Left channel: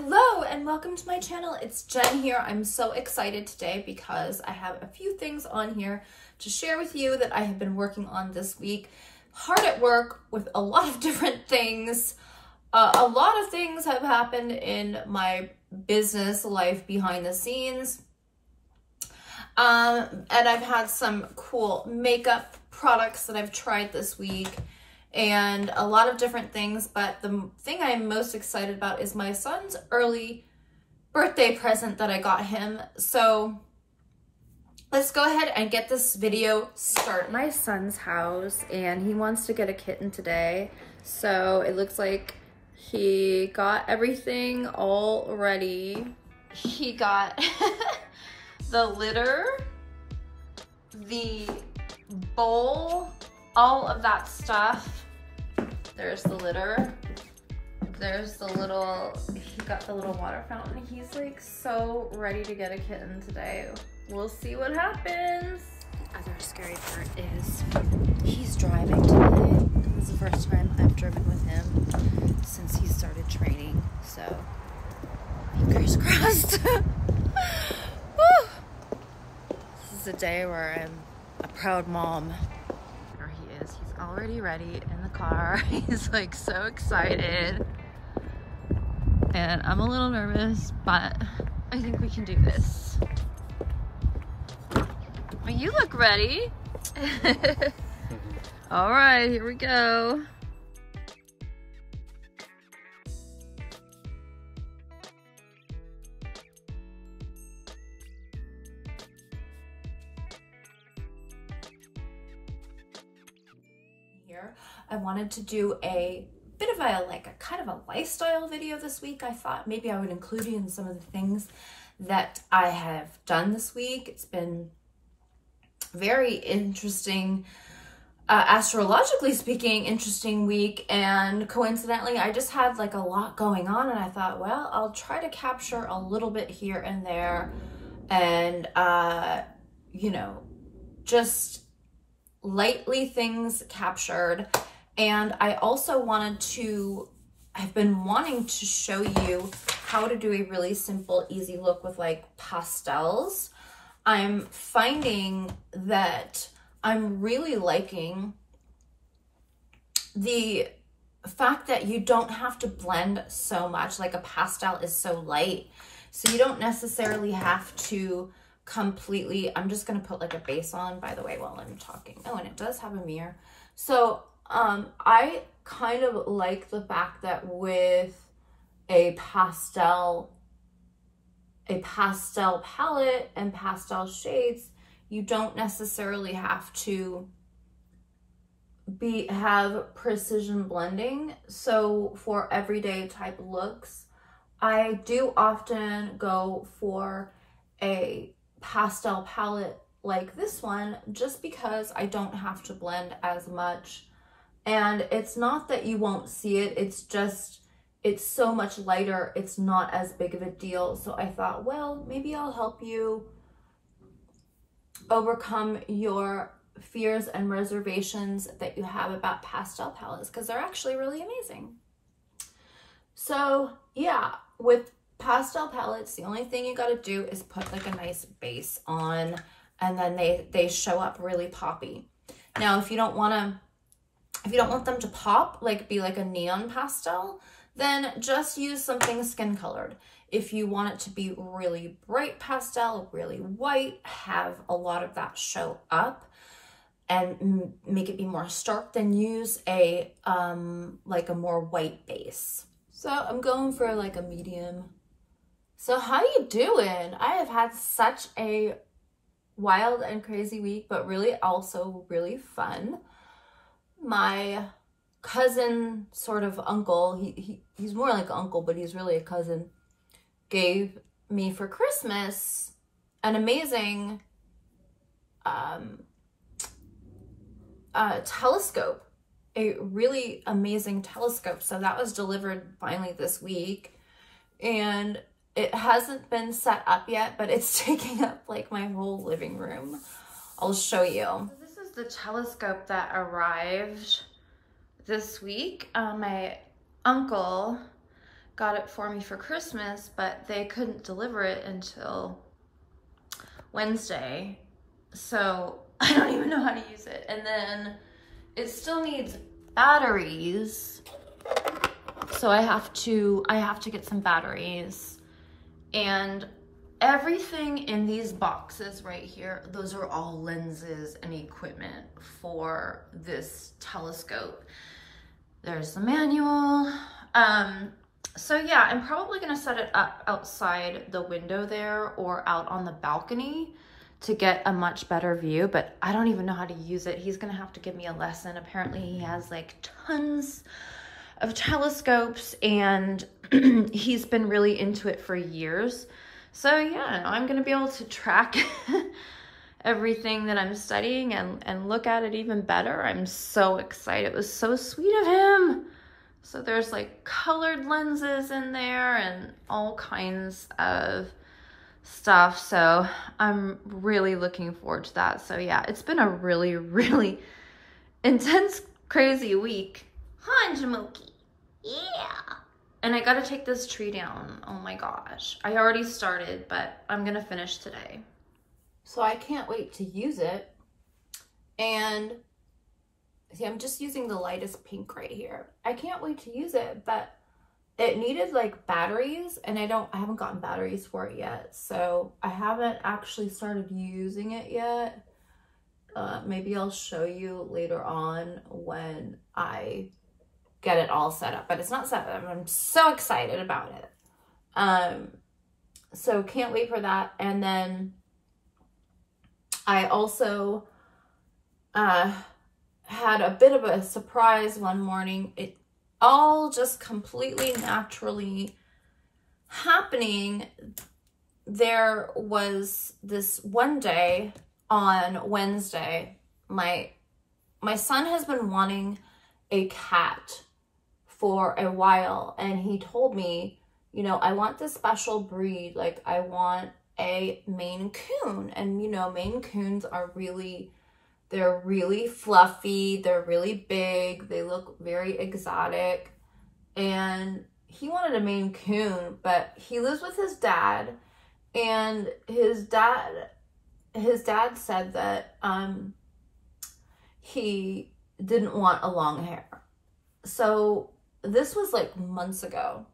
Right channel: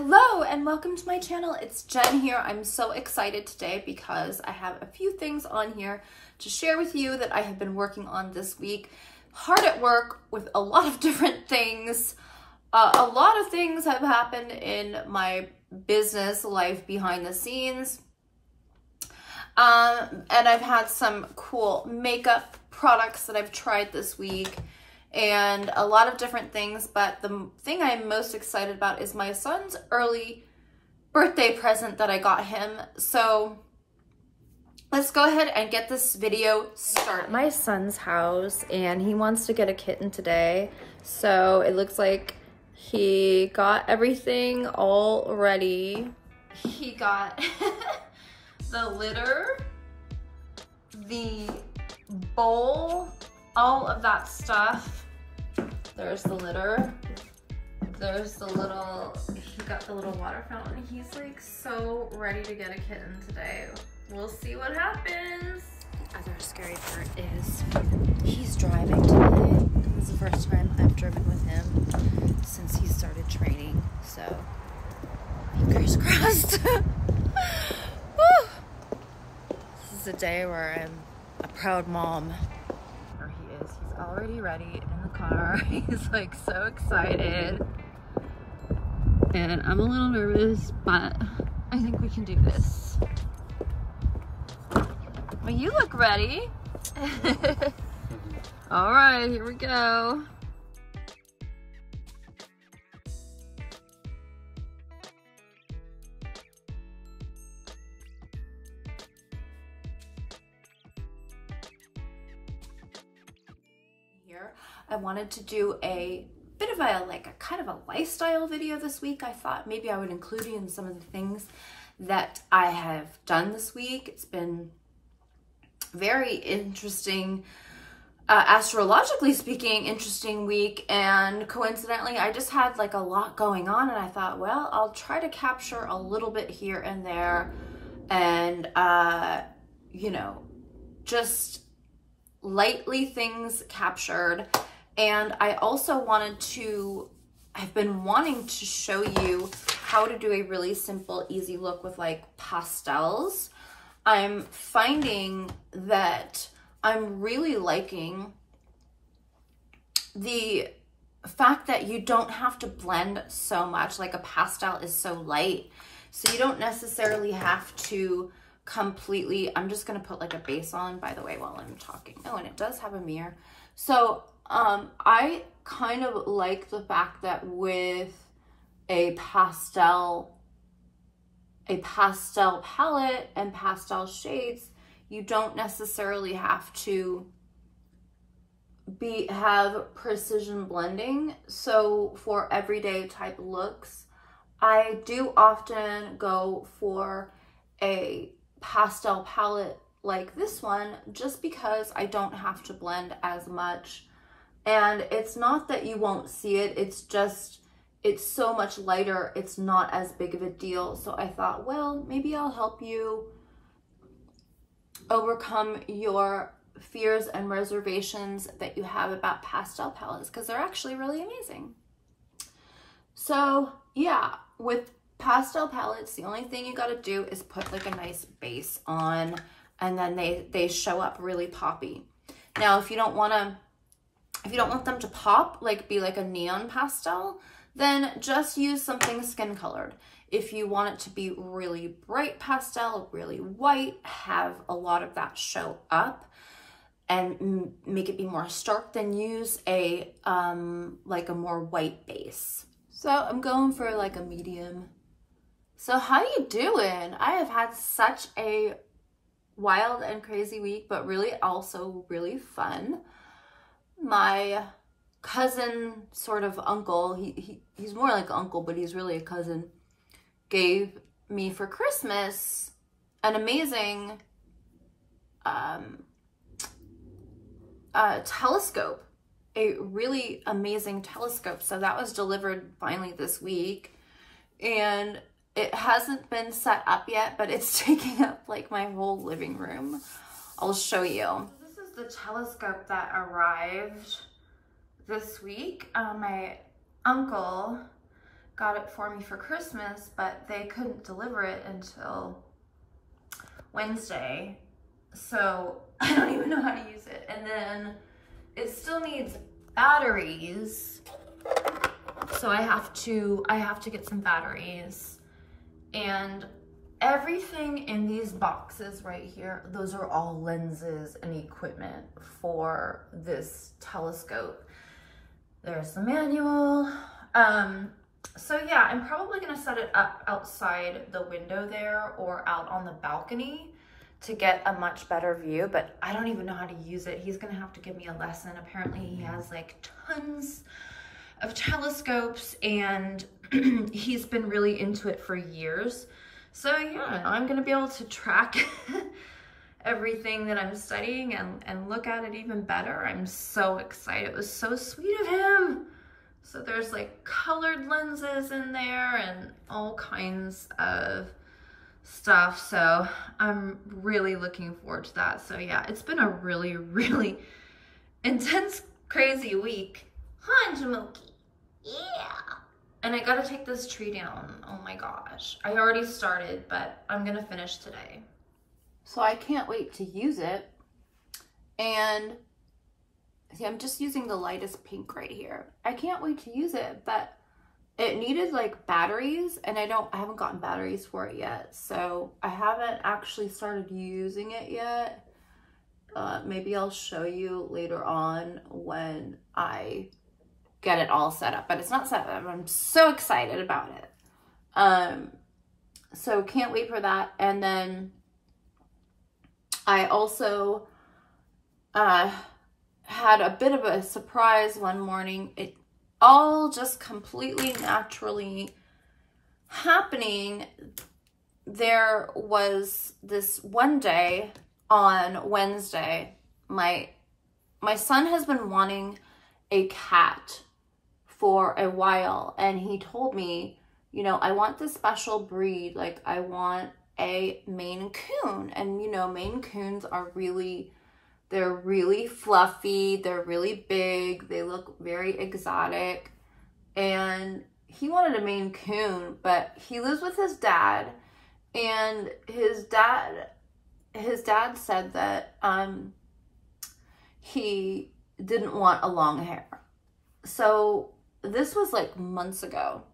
Hello and welcome to my channel. It's Jen here. I'm so excited today because I have a few things on here to share with you that I have been working on this week. Hard at work with a lot of different things. A lot of things have happened in my business life behind the scenes. And I've had some cool makeup products that I've tried this week and a lot of different things, but the thing I'm most excited about is my son's early birthday present that I got him. So let's go ahead and get this video started. My son's house and he wants to get a kitten today. So it looks like he got everything all ready. He got the litter, the bowl, all of that stuff. There's the litter. There's the little, he got the little water fountain. He's like so ready to get a kitten today. We'll see what happens. The other scary part is he's driving today. This is the first time I've driven with him since he started training. So fingers crossed. This is a day where I'm a proud mom. There he is. He's already ready in the car. He's like so excited. And I'm a little nervous, but I think we can do this. Well, you look ready. All right, here we go. Here, I wanted to do a bit of a kind of a lifestyle video this week. I thought maybe I would include you in some of the things that I have done this week. It's been very interesting, astrologically speaking, interesting week, and coincidentally I just had like a lot going on, and I thought, well, I'll try to capture a little bit here and there, and you know, just lightly things captured. And I also wanted to, I've been wanting to show you how to do a really simple, easy look with like pastels. I'm finding that I'm really liking the fact that you don't have to blend so much. Like a pastel is so light, so you don't necessarily have to completely, I'm just gonna put like a base on, by the way, while I'm talking. Oh, and it does have a mirror. So I kind of like the fact that with a pastel palette and pastel shades, you don't necessarily have to have precision blending. So for everyday type looks, I do often go for a pastel palette like this one, just because I don't have to blend as much. And it's not that you won't see it, it's just, it's so much lighter, it's not as big of a deal. So I thought, well, maybe I'll help you overcome your fears and reservations that you have about pastel palettes, because they're actually really amazing. So yeah, with pastel palettes, the only thing you got to do is put like a nice base on, and then they show up really poppy. Now, if you don't want them to pop, like be like a neon pastel, then just use something skin colored. If you want it to be really bright pastel, really white, have a lot of that show up and make it be more stark, then use a like a more white base. So I'm going for like a medium. So how you doing? I have had such a wild and crazy week, but really also really fun. My cousin, sort of uncle, he's more like uncle, but he's really a cousin, gave me for Christmas an amazing telescope, a really amazing telescope. So that was delivered finally this week, and it hasn't been set up yet, but it's taking up like my whole living room. I'll show you. This is the telescope that arrived this week. My uncle got it for me for Christmas, but they couldn't deliver it until Wednesday. So I don't even know how to use it. And then it still needs batteries. So I have to get some batteries. And everything in these boxes right here, those are all lenses and equipment for this telescope. There's the manual. So yeah, I'm probably gonna set it up outside the window there or out on the balcony to get a much better view, but I don't even know how to use it. He's gonna have to give me a lesson. Apparently he has like tons of telescopes and he's been really into it for years. So yeah, I'm gonna be able to track everything that I'm studying and look at it even better. I'm so excited. It was so sweet of him. So there's like colored lenses in there and all kinds of stuff. So I'm really looking forward to that. So yeah, it's been a really, really intense, crazy week. Hi, Jamoki. Yeah. And I gotta take this tree down. Oh my gosh. I already started, but I'm gonna finish today. So I can't wait to use it. And see, I'm just using the lightest pink right here. I can't wait to use it, but it needed like batteries and I haven't gotten batteries for it yet. So I haven't actually started using it yet. Maybe I'll show you later on when I get it all set up, but it's not set up. I'm so excited about it. So can't wait for that. And then I also, had a bit of a surprise one morning. It all just completely naturally happening. There was this one day on Wednesday, my son has been wanting a cat for a while, and he told me, you know, I want this special breed, like I want a Maine Coon. And you know, Maine Coons are they're really fluffy, they're really big, they look very exotic. And he wanted a Maine Coon, but he lives with his dad, and his dad said that he didn't want a long hair. So this was like months ago.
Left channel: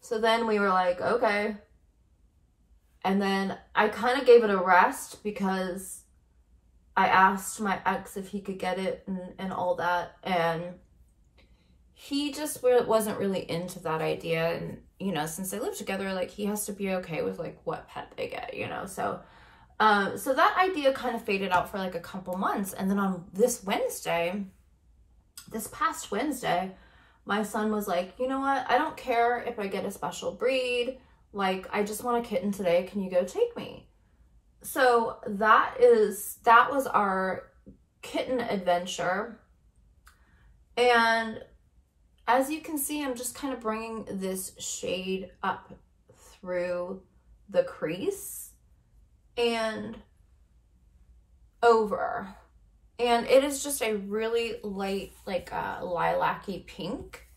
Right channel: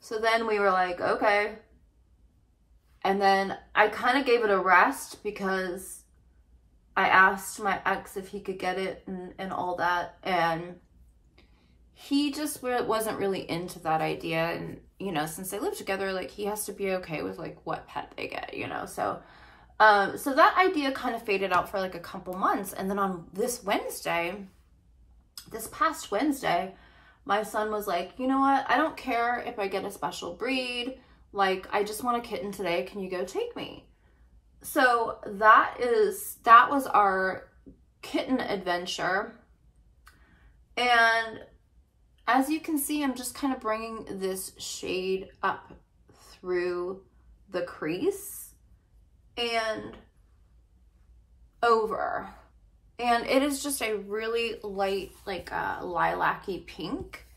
So then we were like, okay. And then I kind of gave it a rest because I asked my ex if he could get it and all that. And he just wasn't really into that idea. And, you know, since they live together, like he has to be okay with like what pet they get, you know? So, so that idea kind of faded out for like a couple months. And then on this past Wednesday, my son was like, you know what? I don't care if I get a special breed. Like, I just want a kitten today. Can you go take me? So that was our kitten adventure. And as you can see, I'm just kind of bringing this shade up through the crease and over. And it is just a really light, like lilac-y pink.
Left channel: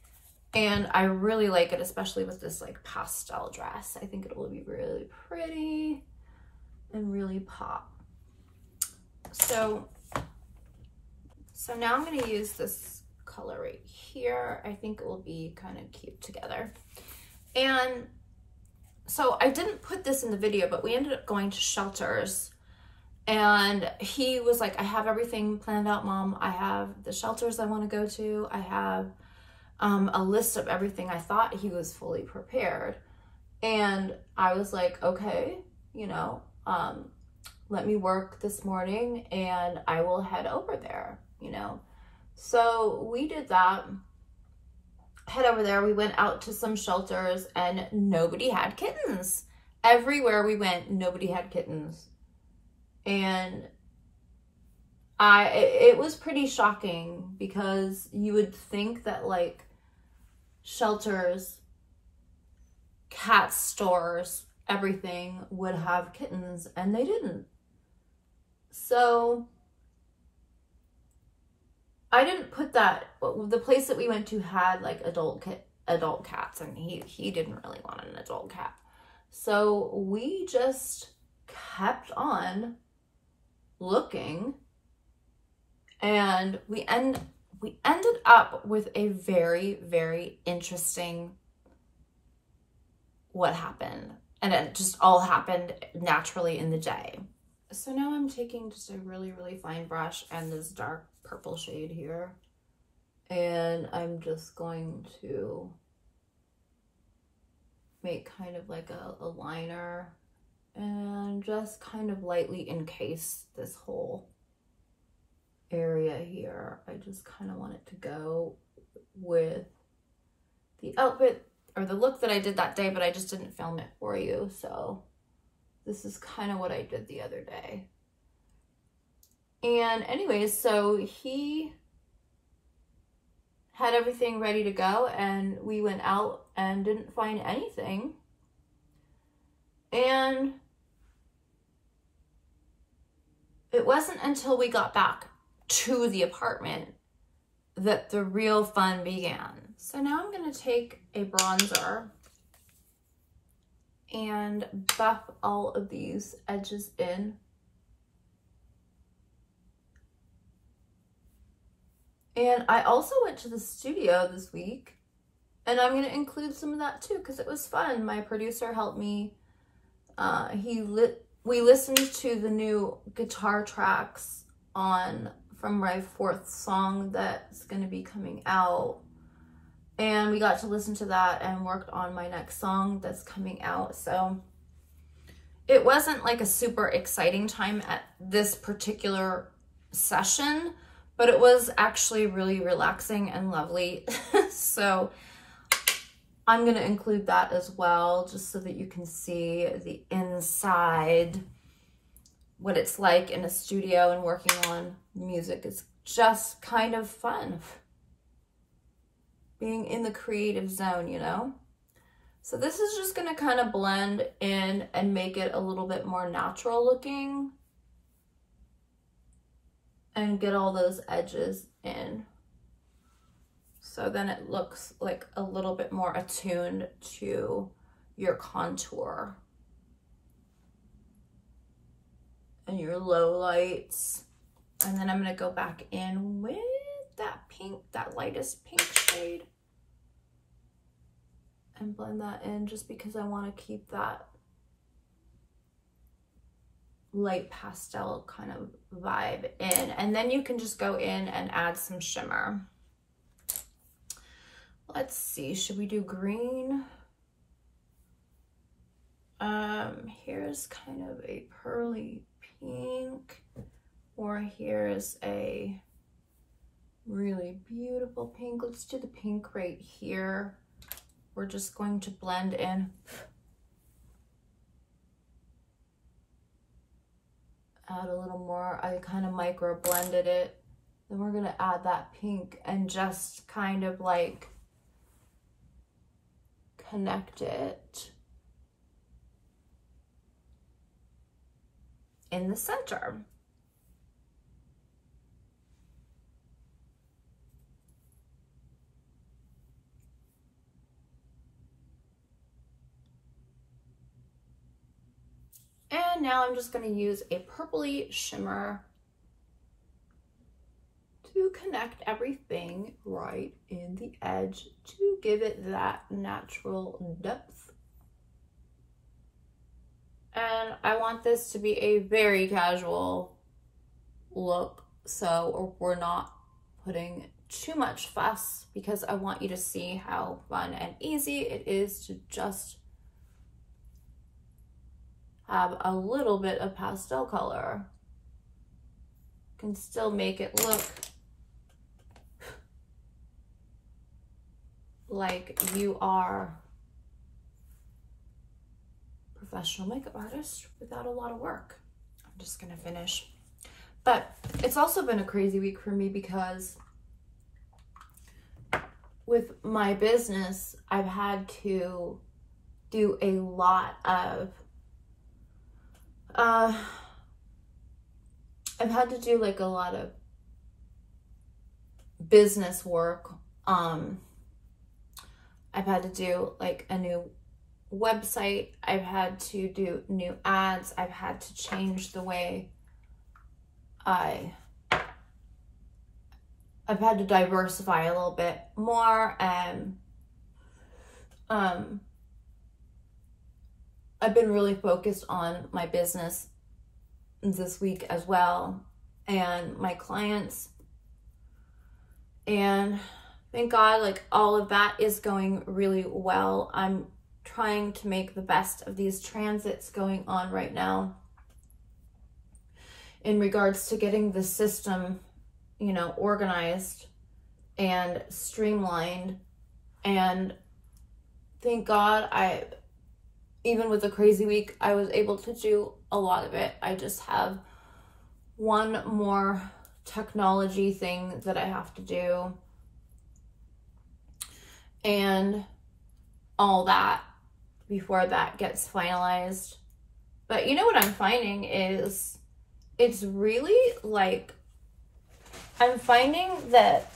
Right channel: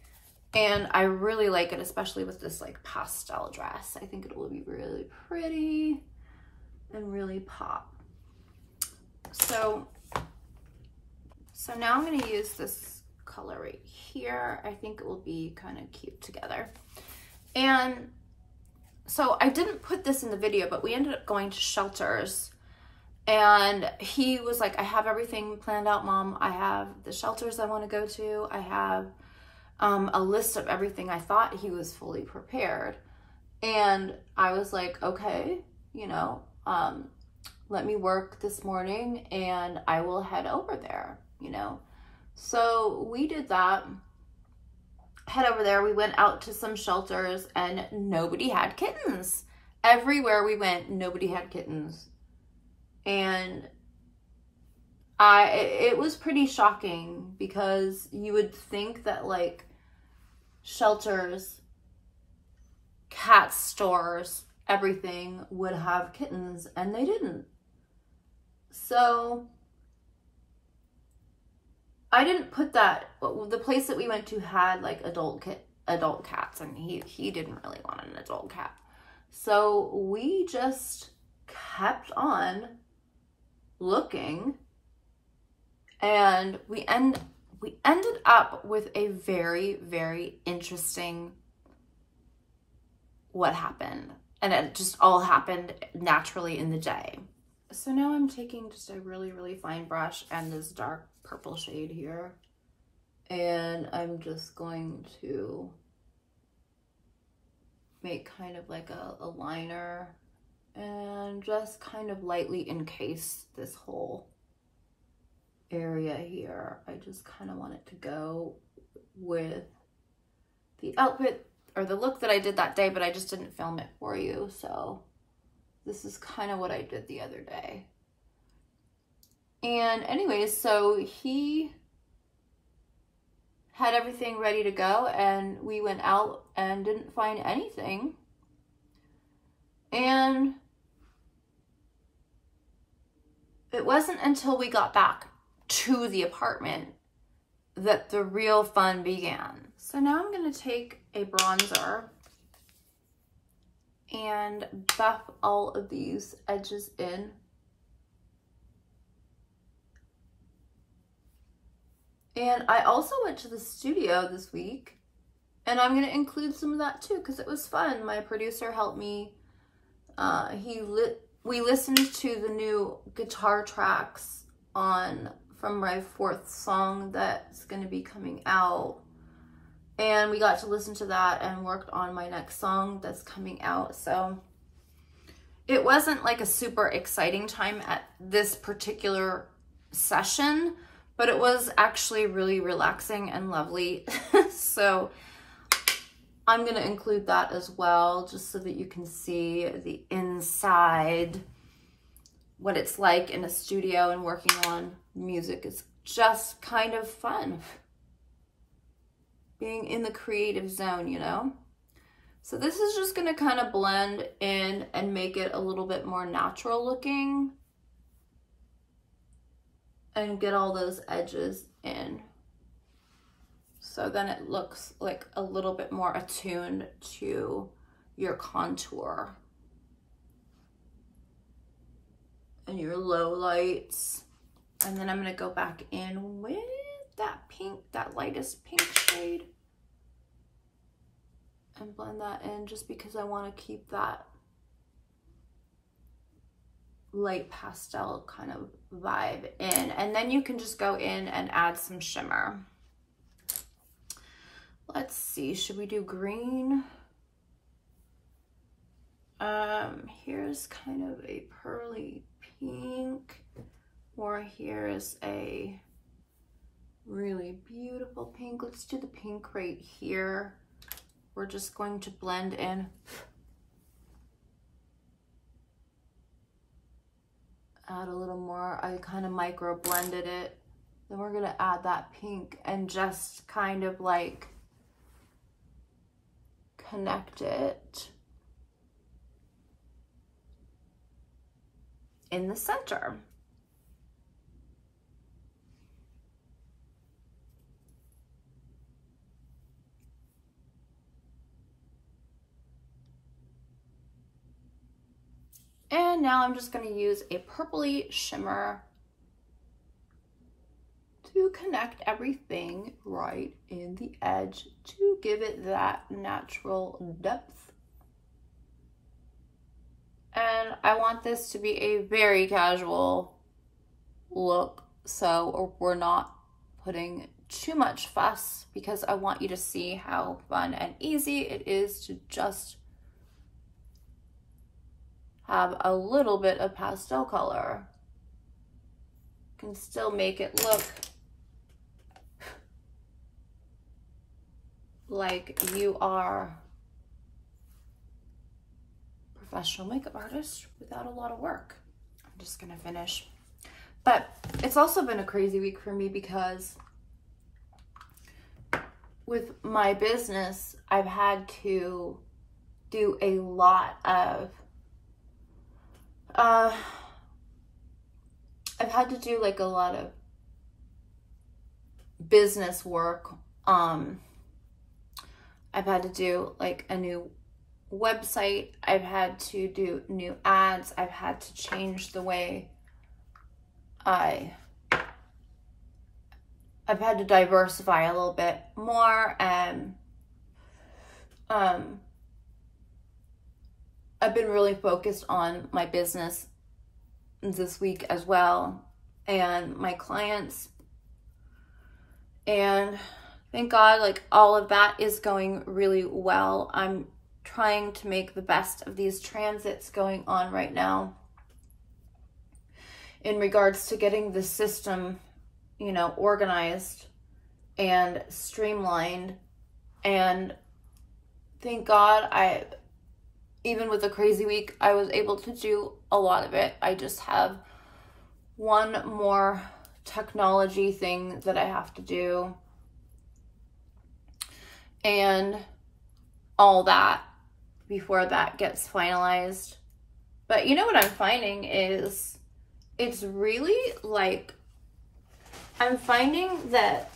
And I really like it, especially with this like pastel dress. I think it will be really pretty and really pop. So now I'm gonna use this color right here. I think it will be kind of cute together. And so I didn't put this in the video, but we ended up going to Shelters, and he was like, I have everything planned out, Mom. I have the shelters I want to go to. I have a list of everything. I thought he was fully prepared. And I was like, okay, you know, let me work this morning and I will head over there, you know. So we did that, head over there. We went out to some shelters and nobody had kittens. Everywhere we went, nobody had kittens. And it was pretty shocking because you would think that like shelters, cat stores, everything would have kittens, and they didn't. So I didn't put that, the place that we went to had like adult adult cats, and he didn't really want an adult cat. So we just kept on looking, and we ended up with a very, very interesting what happened. And it just all happened naturally in the day. So now I'm taking just a really, really fine brush and this dark purple shade here. And I'm just going to make kind of like a liner and just kind of lightly encase this whole area here. I just kind of want it to go with the outfit or the look that I did that day, but I just didn't film it for you. So this is kind of what I did the other day. And anyways, so he had everything ready to go, and we went out and didn't find anything. And it wasn't until we got back to the apartment that the real fun began. So now I'm going to take a bronzer and buff all of these edges in. And I also went to the studio this week, and I'm going to include some of that too because it was fun. My producer helped me. We listened to the new guitar tracks from my 4th song that's going to be coming out. And we got to listen to that and worked on my next song that's coming out. So it wasn't like a super exciting time at this particular session, but it was actually really relaxing and lovely. So I'm going to include that as well, just so that you can see the inside, what it's like in a studio and working on music. Is just kind of fun. Being in the creative zone, you know? So this is just going to kind of blend in and make it a little bit more natural looking and get all those edges in. So then it looks like a little bit more attuned to your contour and your low lights. And then I'm going to go back in with that pink, that lightest pink shade, and blend that in just because I want to keep that light pastel kind of vibe in. And then you can just go in and add some shimmer. Let's see, should we do green? Here's kind of a pearly pink, or here's a really beautiful pink. Let's do the pink right here. We're just going to blend in. Add a little more. I kind of micro blended it. Then we're going to add that pink and just kind of like connect it in the center. And now I'm just going to use a purpley shimmer to connect everything right in the edge to give it that natural depth. And I want this to be a very casual look, so we're not putting too much fuss, because I want you to see how fun and easy it is to just have a little bit of pastel color. Can still make it look like you are a professional makeup artist without a lot of work. I'm just gonna finish. But it's also been a crazy week for me because with my business, I've had to do a lot of I've had to do like a lot of business work. I've had to do like a new website. I've had to do new ads. I've had to change the way I've had to diversify a little bit more, and I've been really focused on my business this week as well, and my clients, and thank God, like, all of that is going really well. I'm trying to make the best of these transits going on right now in regards to getting the system, you know, organized and streamlined. And thank God, even with a crazy week, I was able to do a lot of it. I just have one more technology thing that I have to do, and all that before that gets finalized. But you know what I'm finding is, it's really like, I'm finding that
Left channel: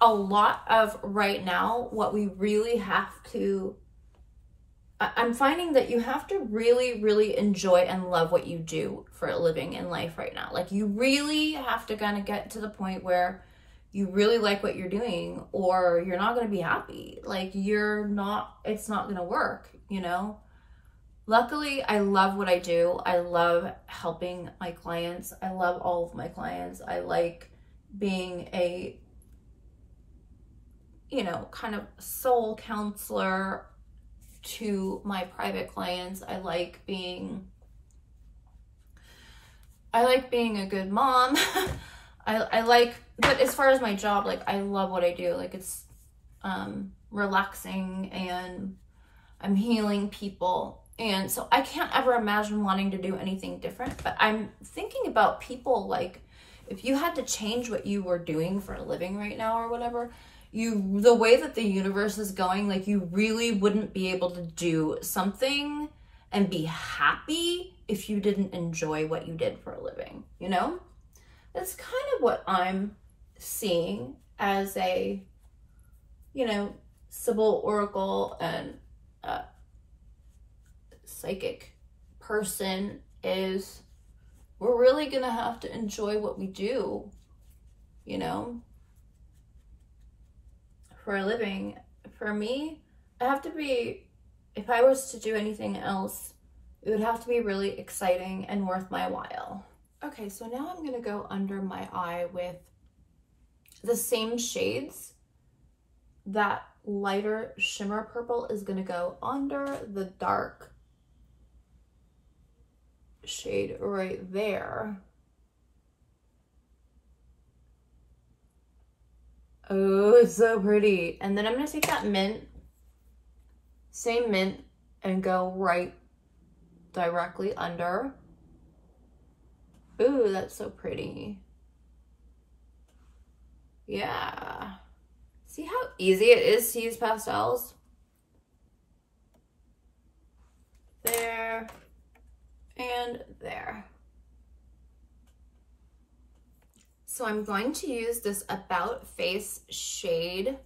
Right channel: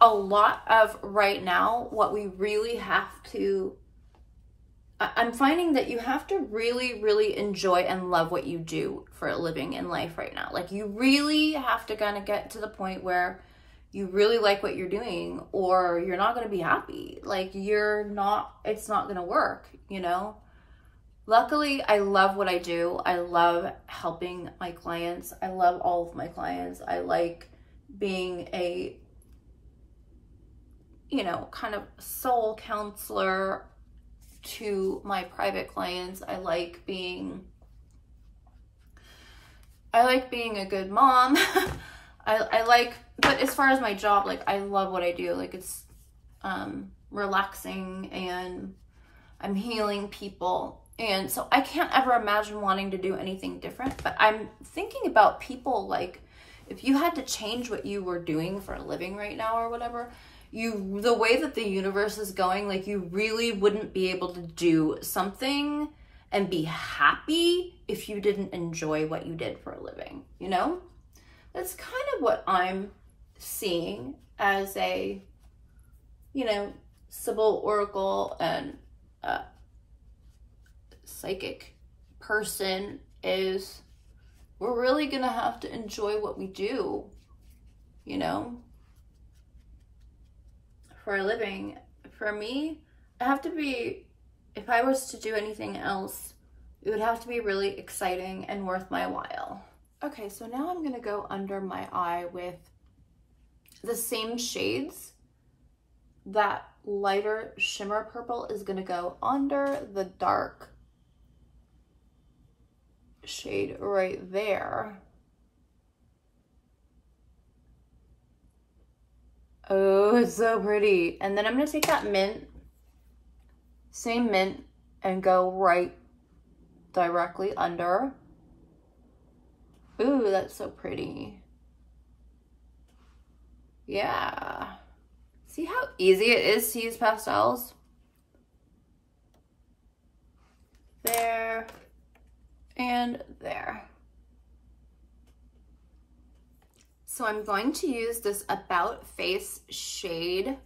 a lot of right now, what we really have to, I'm finding that you have to really, really enjoy and love what you do for a living in life right now. Like, you really have to kind of get to the point where you really like what you're doing, or you're not going to be happy. Like, it's not going to work, you know? Luckily, I love what I do. I love helping my clients. I love all of my clients. I like being a, you know, kind of soul counselor to my private clients. I like being a good mom. But as far as my job, like, I love what I do. Like, it's relaxing, and I'm healing people. And so I can't ever imagine wanting to do anything different. But I'm thinking about people, like, if you had to change what you were doing for a living right now or whatever, the way that the universe is going, like, you really wouldn't be able to do something and be happy if you didn't enjoy what you did for a living, you know? That's kind of what I'm seeing as a, you know, Sybil Oracle and psychic person, is we're really gonna have to enjoy what we do, you know, for a living. For me, I have to be, if I was to do anything else, it would have to be really exciting and worth my while. Okay, so now I'm gonna go under my eye with the same shades. That lighter shimmer purple is gonna go under the dark shade right there. Oh, it's so pretty. And then I'm gonna take that mint, same mint, and go right directly under. Ooh, that's so pretty. Yeah. See how easy it is to use pastels? There and there. So I'm going to use this About Face shade.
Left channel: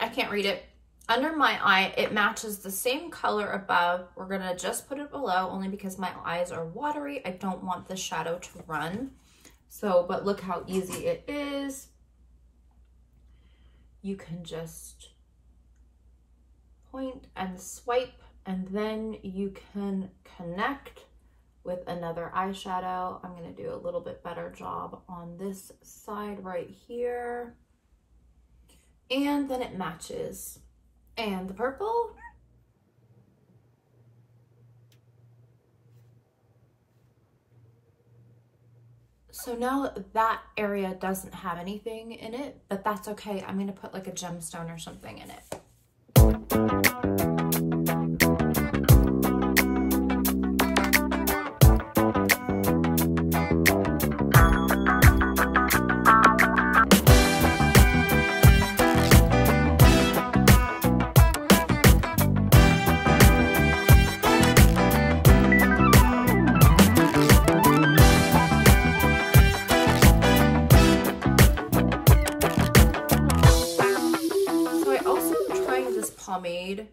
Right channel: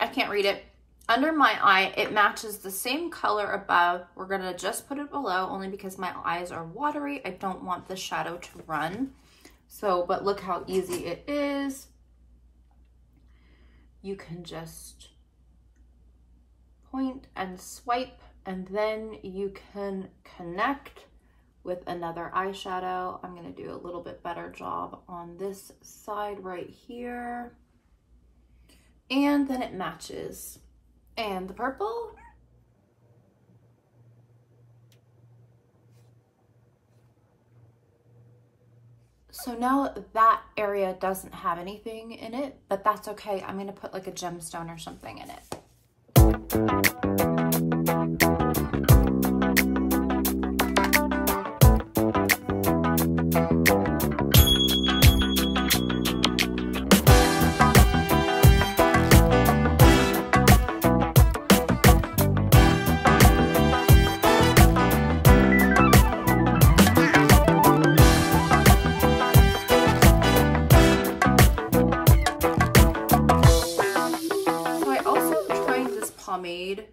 I can't read it. Under my eye, it matches the same color above. We're gonna just put it below, only because my eyes are watery. I don't want the shadow to run. So, but look how easy it is. You can just point and swipe, and then you can connect with another eyeshadow. I'm gonna do a little bit better job on this side right here. And then it matches. And the purple. So now that area doesn't have anything in it, but that's okay. I'm gonna put like a gemstone or something in it. pomade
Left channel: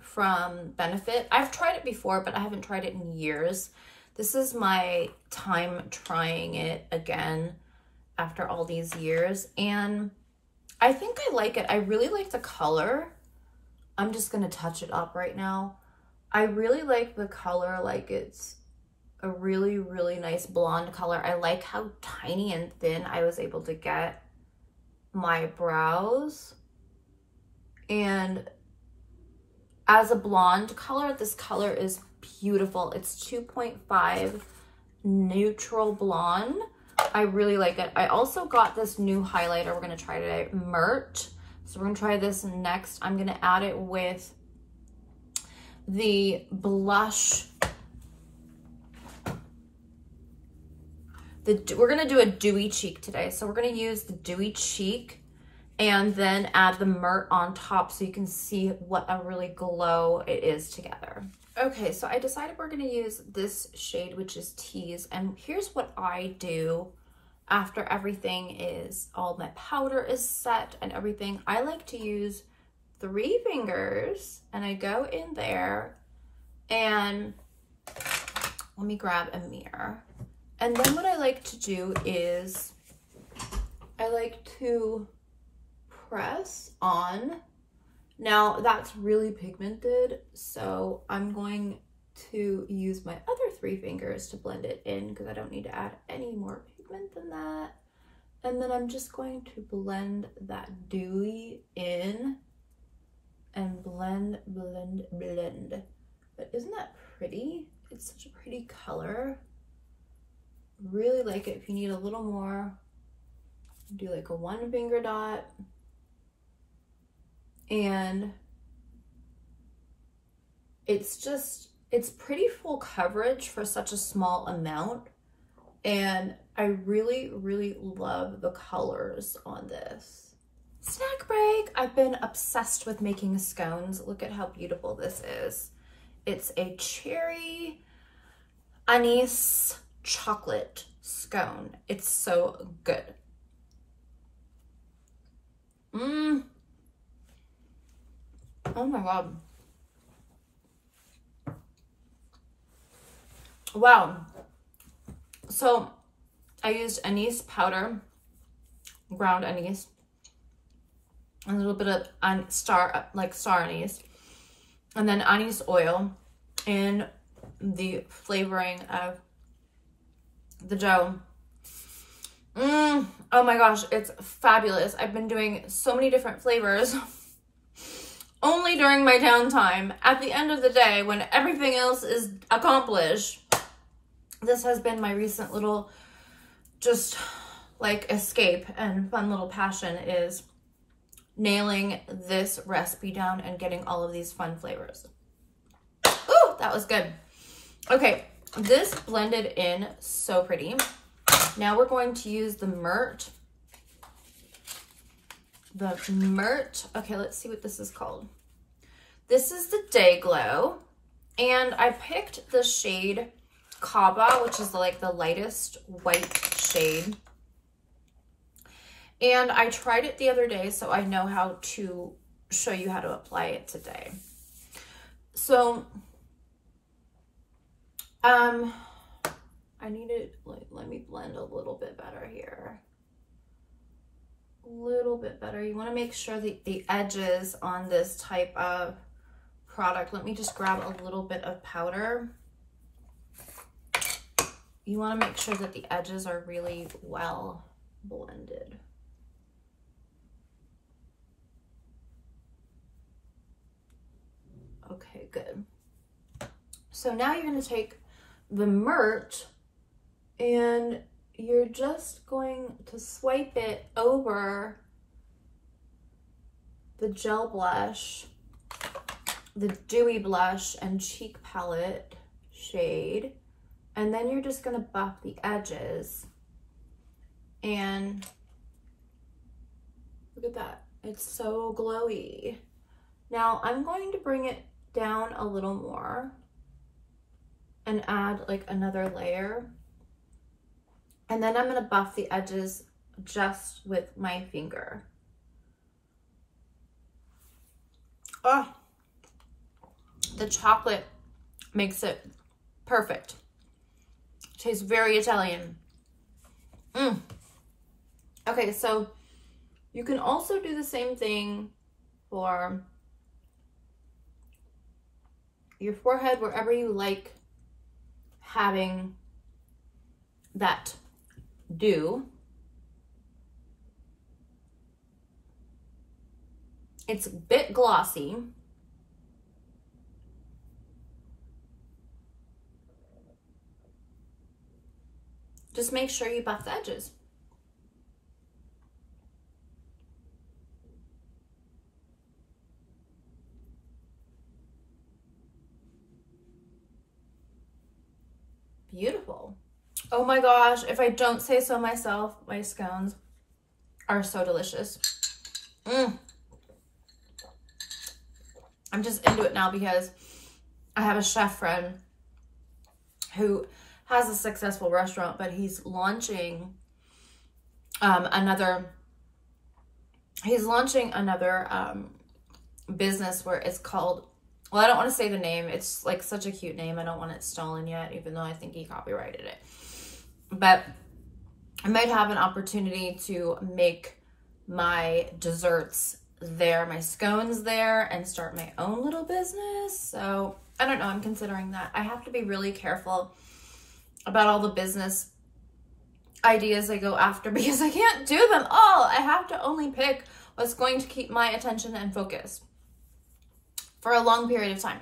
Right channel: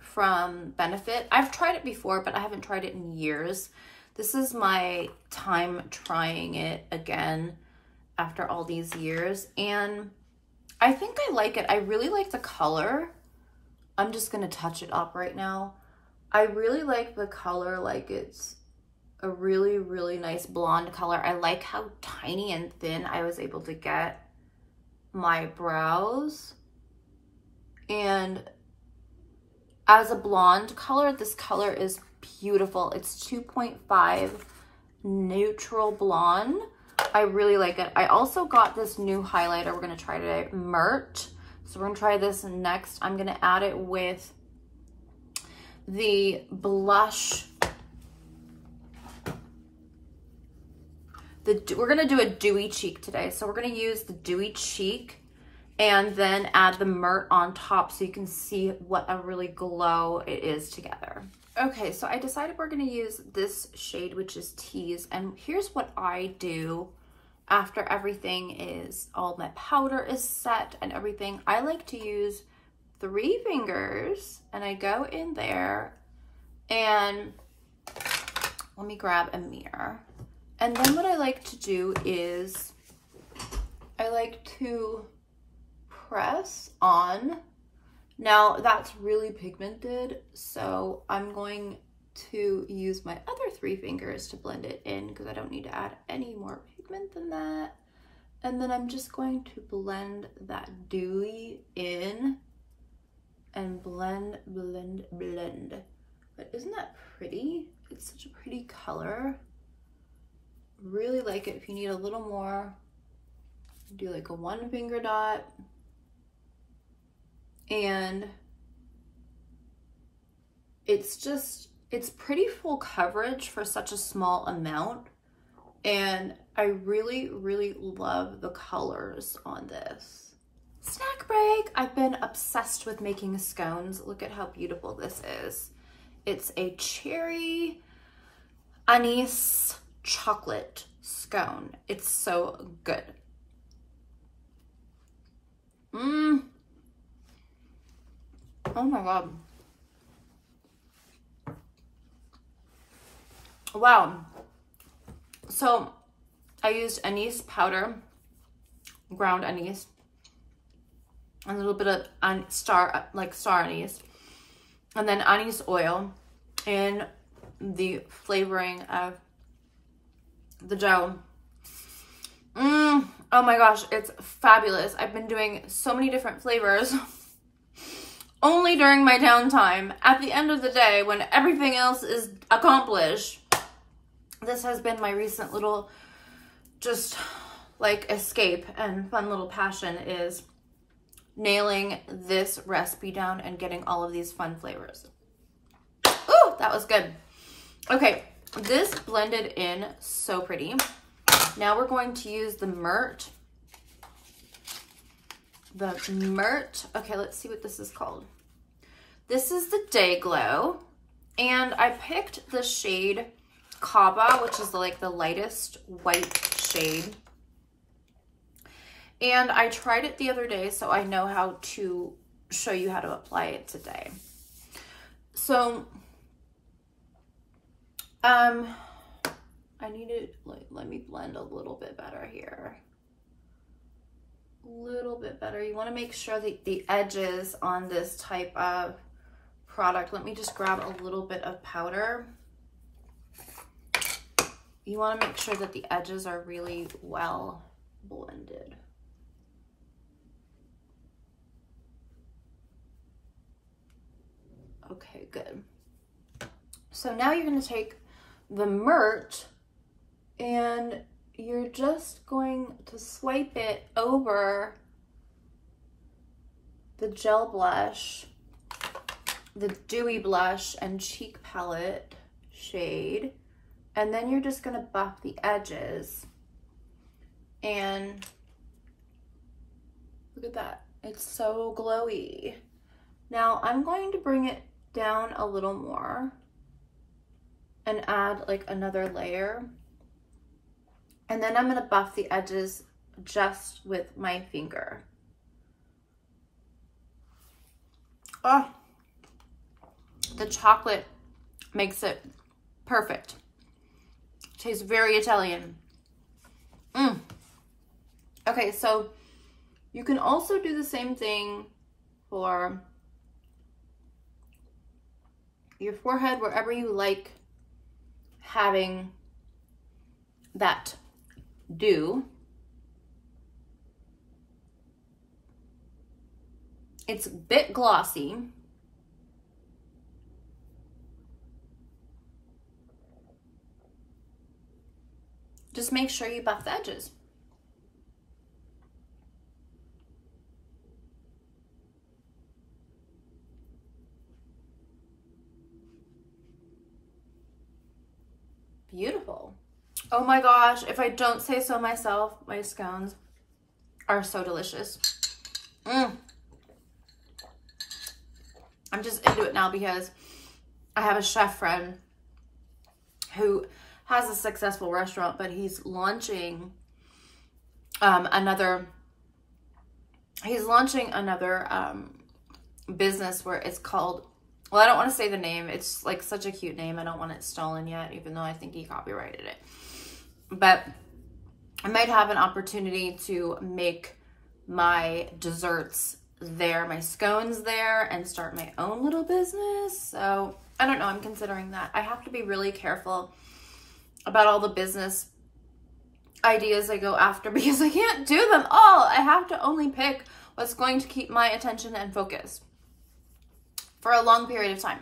from Benefit. I've tried it before, but I haven't tried it in years. This is my time trying it again after all these years, and I think I like it. I really like the color. I'm just gonna touch it up right now. I really like the color, like it's a really, really nice blonde color. I like how tiny and thin I was able to get my brows. And as a blonde color, this color is beautiful. It's 2.5 neutral blonde. I really like it. I also got this new highlighter we're gonna try today, Mert. So we're gonna try this next. I'm gonna add it with the blush. We're gonna do a dewy cheek today. So we're gonna use the dewy cheek and then add the Mert on top so you can see what a really glow it is together. Okay, so I decided we're gonna use this shade, which is Tease, and here's what I do after everything is, all my powder is set and everything. I like to use 3 fingers, and I go in there, and let me grab a mirror. And then what I like to do is I like to press on. Now that's really pigmented, so I'm going to use my other 3 fingers to blend it in because I don't need to add any more pigment than that. And then I'm just going to blend that dewy in and blend, blend, blend. But isn't that pretty? It's such a pretty color. Really like it. If you need a little more, do like a 1 finger dot. And it's pretty full coverage for such a small amount. And I really, really love the colors on this. Snack break. I've been obsessed with making scones. Look at how beautiful this is. It's a cherry anise chocolate scone. It's so good. Oh my God. Wow. So I used anise powder, ground anise, a little bit of star anise, and then anise oil in the flavoring of the dough. Oh my gosh, it's fabulous. I've been doing so many different flavors only during my downtime. At the end of the day, when everything else is accomplished, this has been my recent little just like escape and fun little passion, is nailing this recipe down and getting all of these fun flavors. Ooh, that was good. Okay, this blended in so pretty. Now we're going to use the Mert. The Mert, okay, let's see what this is called. This is the Day Glow, and I picked the shade Kaba, which is like the lightest white shade. And I tried it the other day, so I know how to show you how to apply it today. So, I need to, let me blend a little bit better here. A little bit better. You want to make sure that the edges on this type of product, let me just grab a little bit of powder. You want to make sure that the edges are really well blended. Okay, good. So now you're going to take the Mert and you're just going to swipe it over the gel blush, the dewy blush and cheek palette shade, and then you're just going to buff the edges. And look at that, it's so glowy. Now I'm going to bring it down a little more and add like another layer. And then I'm going to buff the edges just with my finger. Oh, the chocolate makes it perfect. Tastes very Italian. Okay, so you can also do the same thing for your forehead, wherever you like having that dew. It's a bit glossy. Just make sure you buff the edges. Beautiful. Oh my gosh, if I don't say so myself, my scones are so delicious. I'm just into it now because I have a chef friend who has a successful restaurant, but he's launching another business where it's called, well, I don't want to say the name. It's like such a cute name. I don't want it stolen yet, even though I think he copyrighted it. But I might have an opportunity to make my desserts there, my scones there, and start my own little business. So I don't know, I'm considering that. I have to be really careful about all the business ideas I go after because I can't do them all. I have to only pick what's going to keep my attention and focus for a long period of time.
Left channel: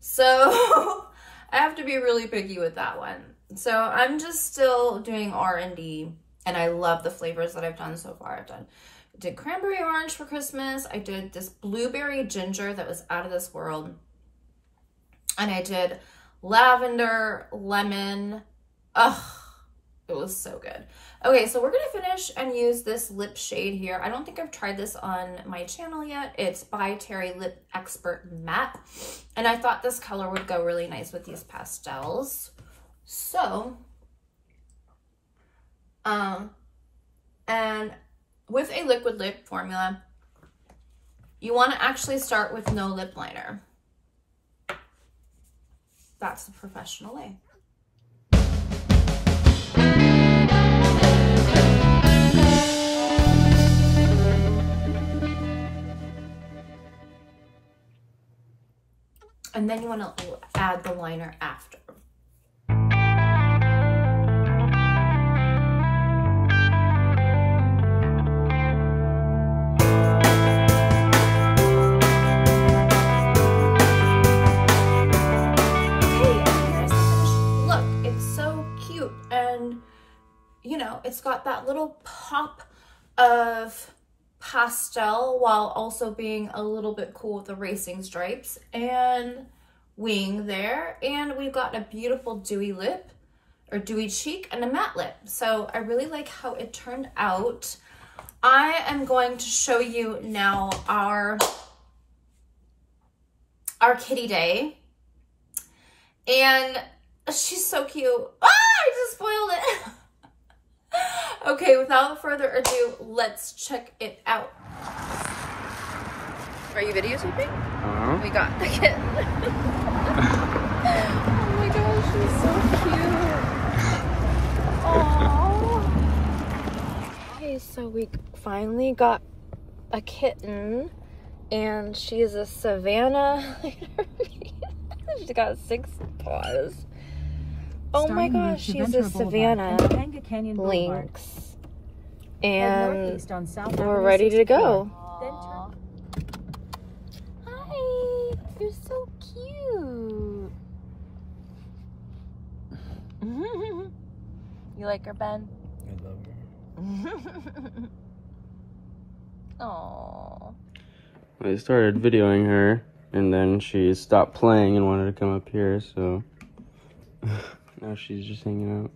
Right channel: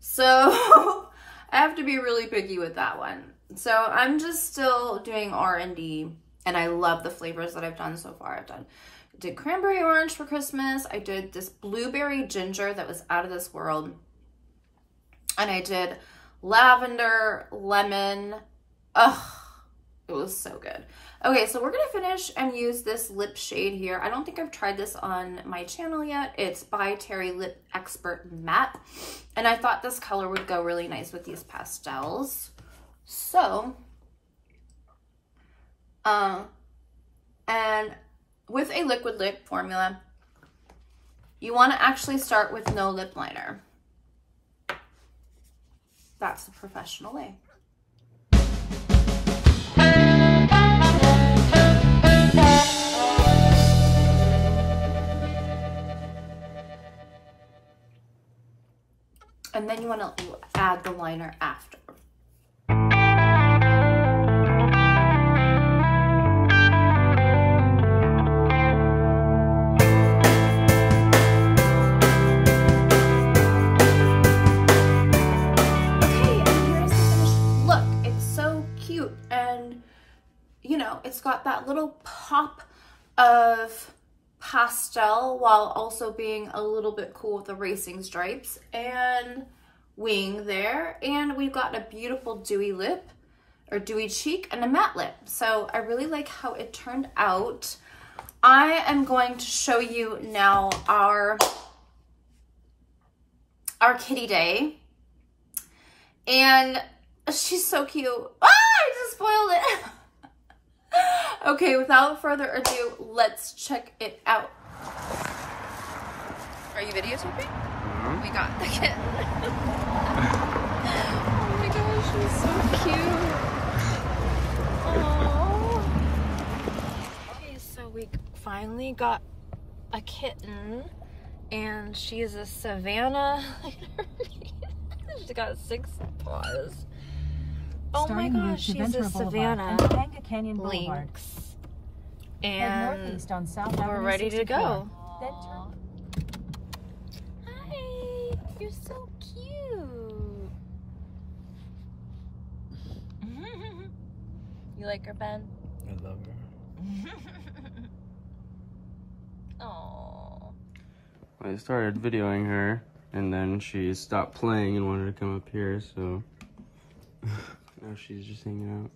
So I have to be really picky with that one. So I'm just still doing R&D, and I love the flavors that I've done so far. I did cranberry orange for Christmas. I did this blueberry ginger that was out of this world. And I did lavender, lemon. Ugh, it was so good. Okay, so we're gonna finish and use this lip shade here. I don't think I've tried this on my channel yet. It's by Terry Lip Expert Matte. And I thought this color would go really nice with these pastels. So, and with a liquid lip formula, you wanna actually start with no lip liner. That's the professional way. And then you want to add the liner after. It's got that little pop of pastel while also being a little bit cool with the racing stripes and wing there. And we've got a beautiful dewy lip or dewy cheek and a matte lip. So I really like how it turned out. I am going to show you now our kitty day. And she's so cute. Ah, I just spoiled it. Okay, without further ado, let's check it out. Are you videotaping? We got the kitten. Oh my gosh, she's so cute. Aww. Okay, so we finally got a kitten, and she's a Savannah. She's got 6 paws. Oh my gosh, she's a Savannah Lynx, and we're ready to go. Hi, you're so cute. You like her, Ben? I love her. Aww. I started videoing her, and then she stopped playing and wanted to come up here, so now she's just hanging out.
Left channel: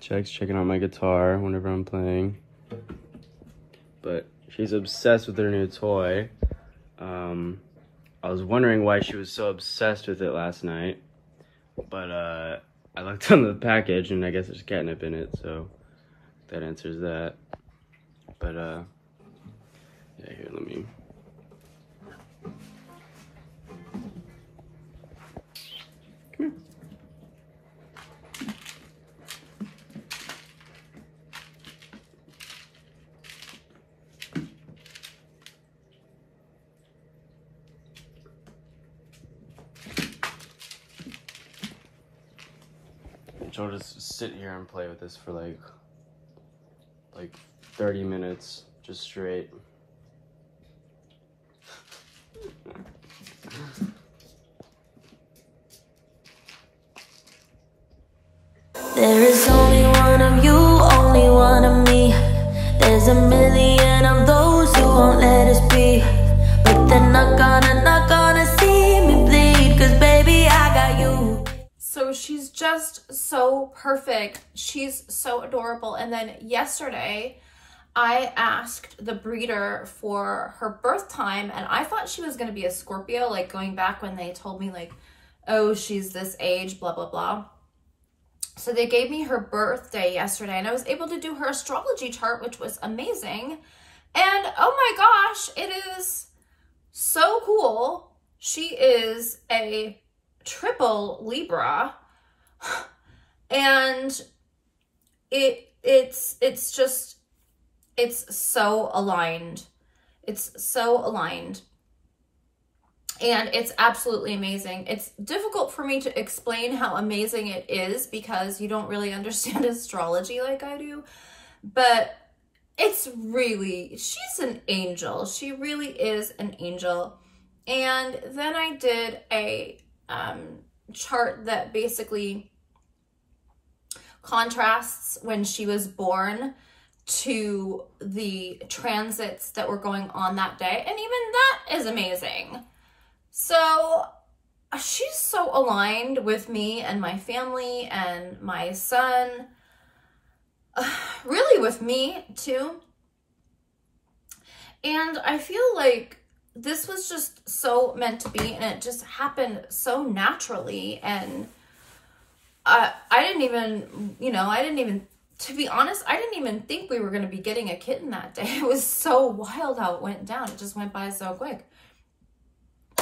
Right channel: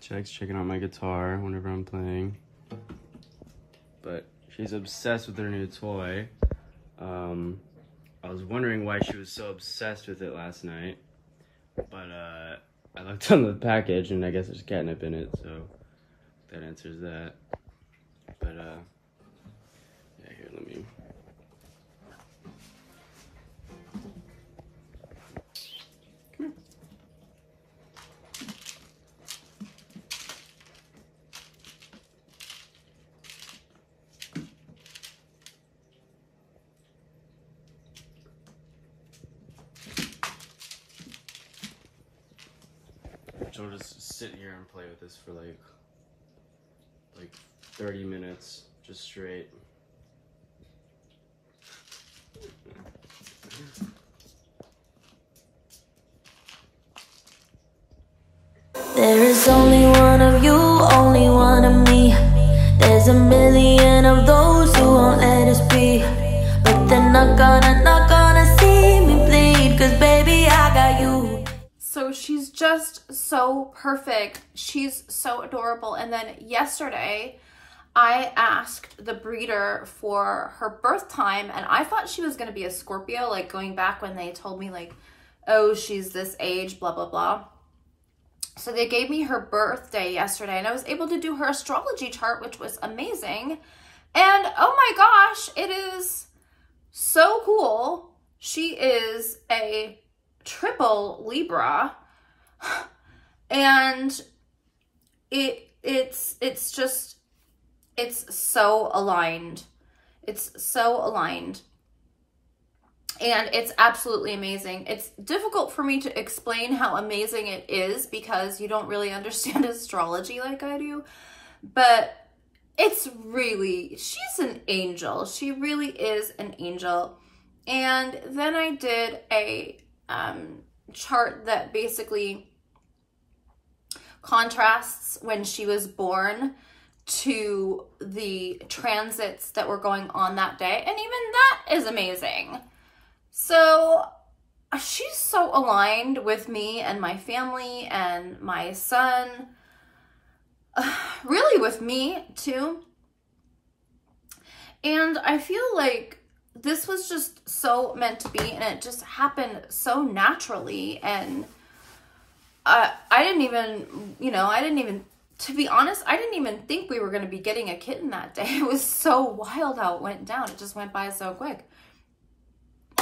Checking out my guitar whenever I'm playing. But she's obsessed with her new toy. I was wondering why she was so obsessed with it last night. But I looked on the package and I guess there's catnip in it, so that answers that. But yeah, here, let me she'll just sit here and play with this for like 30 minutes, just straight. There is only one of you, only one of me. There's a million of those who won't let us be, but they're not gonna see me bleed, 'cause baby, I got you. So she's just so perfect. She's so adorable. And then yesterday, I asked the breeder for her birth time, and I thought she was going to be a Scorpio, like going back when they told me like, oh, she's this age, blah, blah, blah. So they gave me her birthday yesterday, and I was able to do her astrology chart, which was amazing. And oh my gosh, it is so cool. She is a triple Libra, and it's so aligned. It's so aligned. And it's absolutely amazing. It's difficult for me to explain how amazing it is because you don't really understand astrology like I do. But it's really, she's an angel. She really is an angel. And then I did a chart that basically contrasts when she was born to the transits that were going on that day. And even that is amazing. So she's so aligned with me and my family and my son, really with me too. And I feel like this was just so meant to be, and it just happened so naturally. And I didn't even, to be honest, I didn't even think we were going to be getting a kitten that day. It was so wild how it went down. It just went by so quick.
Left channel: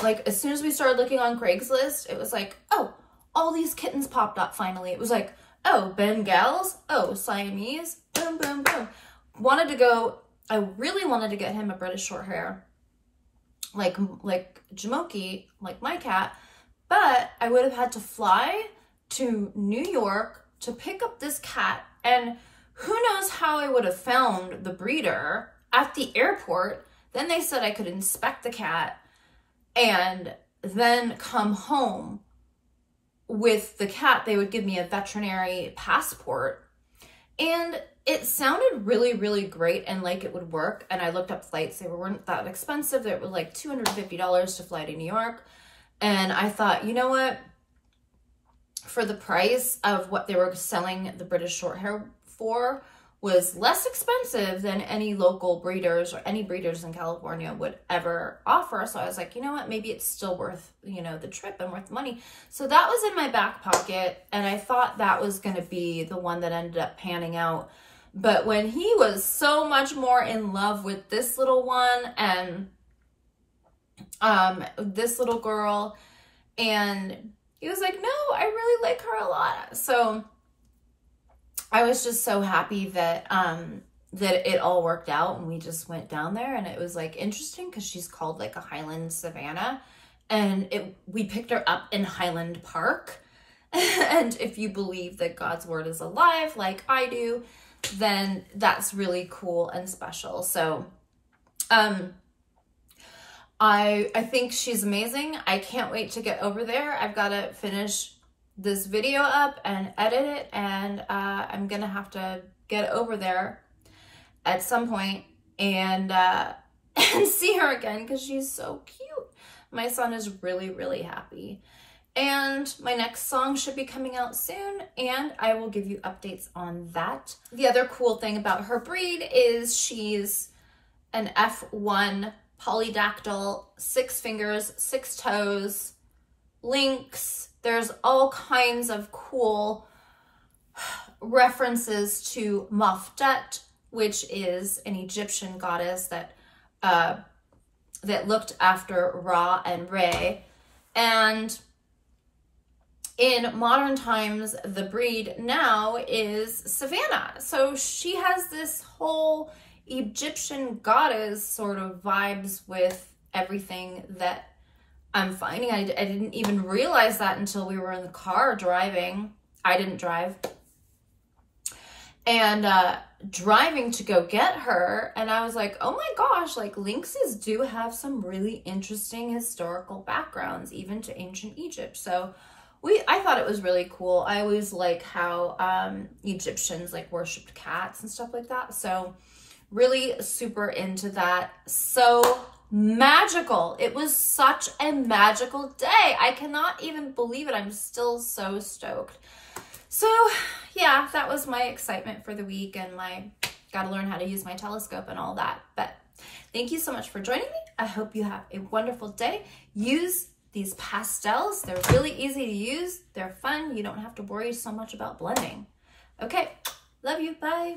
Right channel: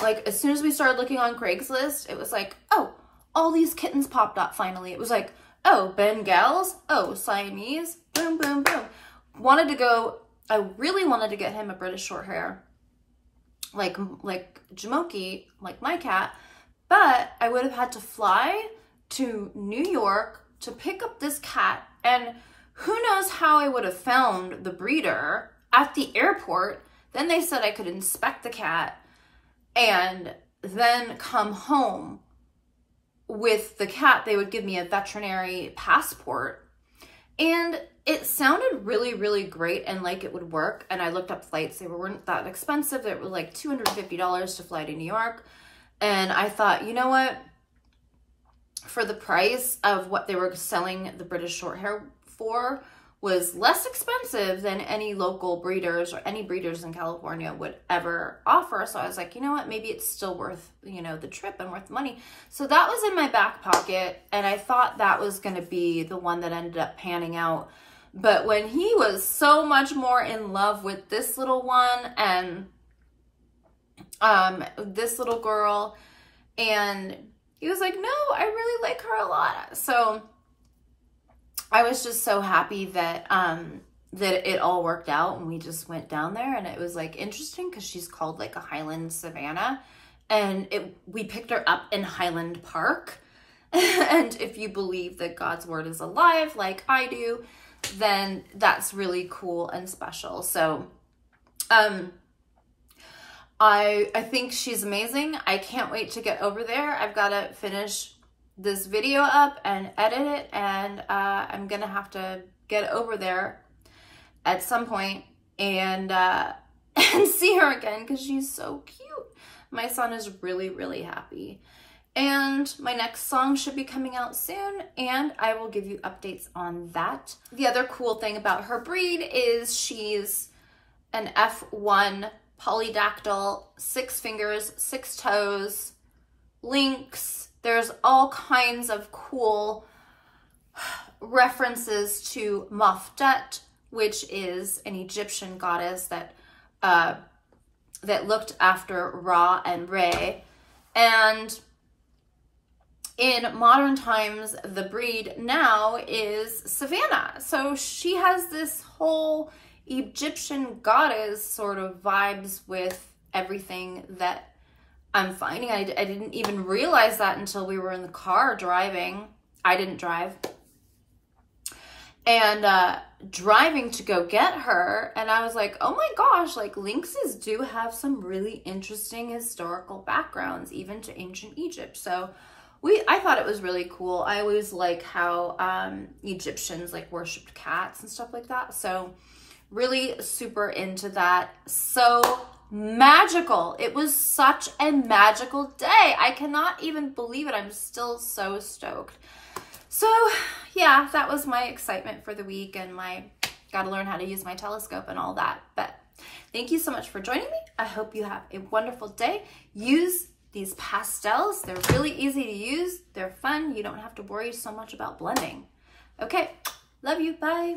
Like, as soon as we started looking on Craigslist, it was like, oh, all these kittens popped up finally. It was like, oh, Bengals, oh, Siamese, boom, boom, boom. I really wanted to get him a British short hair, like Jamoki, like my cat, but I would have had to fly to New York to pick up this cat, and who knows how I would have found the breeder at the airport. Then they said I could inspect the cat and then come home with the cat. They would give me a veterinary passport, and it sounded really, really great and like it would work. And I looked up flights. They weren't that expensive. It was like $250 to fly to New York. And I thought, you know what? For the price of what they were selling the British short hair for was less expensive than any local breeders or any breeders in California would ever offer. So I was like, you know what? Maybe it's still worth, the trip and worth the money. So that was in my back pocket. And I thought that was going to be the one that ended up panning out. But when he was so much more in love with this little one and this little girl, and he was like, no, I really like her a lot. So I was just so happy that that it all worked out, and we just went down there. And it was like interesting because she's called like a Highland Savannah, and we picked her up in Highland Park. And if you believe that God's word is alive like I do, then that's really cool and special. So I think she's amazing. I can't wait to get over there. I've got to finish this video up and edit it, and I'm gonna have to get over there at some point and see her again because she's so cute. My son is really, really happy. And my next song should be coming out soon, and I will give you updates on that. The other cool thing about her breed is she's an F1 polydactyl, 6 fingers, 6 toes, lynx. There's all kinds of cool references to Maftet, which is an Egyptian goddess that looked after Ra and Re. And in modern times, the breed now is Savannah. So she has this whole Egyptian goddess sort of vibes with everything that I'm finding. I didn't even realize that until we were in the car driving. I didn't drive. And driving to go get her, and I was like, oh my gosh, like lynxes do have some really interesting historical backgrounds, even to ancient Egypt. So I thought it was really cool. I always like how Egyptians like worshipped cats and stuff like that. So really super into that. So magical. It was such a magical day. I cannot even believe it. I'm still so stoked. So yeah, that was my excitement for the week, and got to learn how to use my telescope and all that. But thank you so much for joining me. I hope you have a wonderful day. Use these pastels. They're really easy to use. They're fun. You don't have to worry so much about blending. Okay, love you. Bye.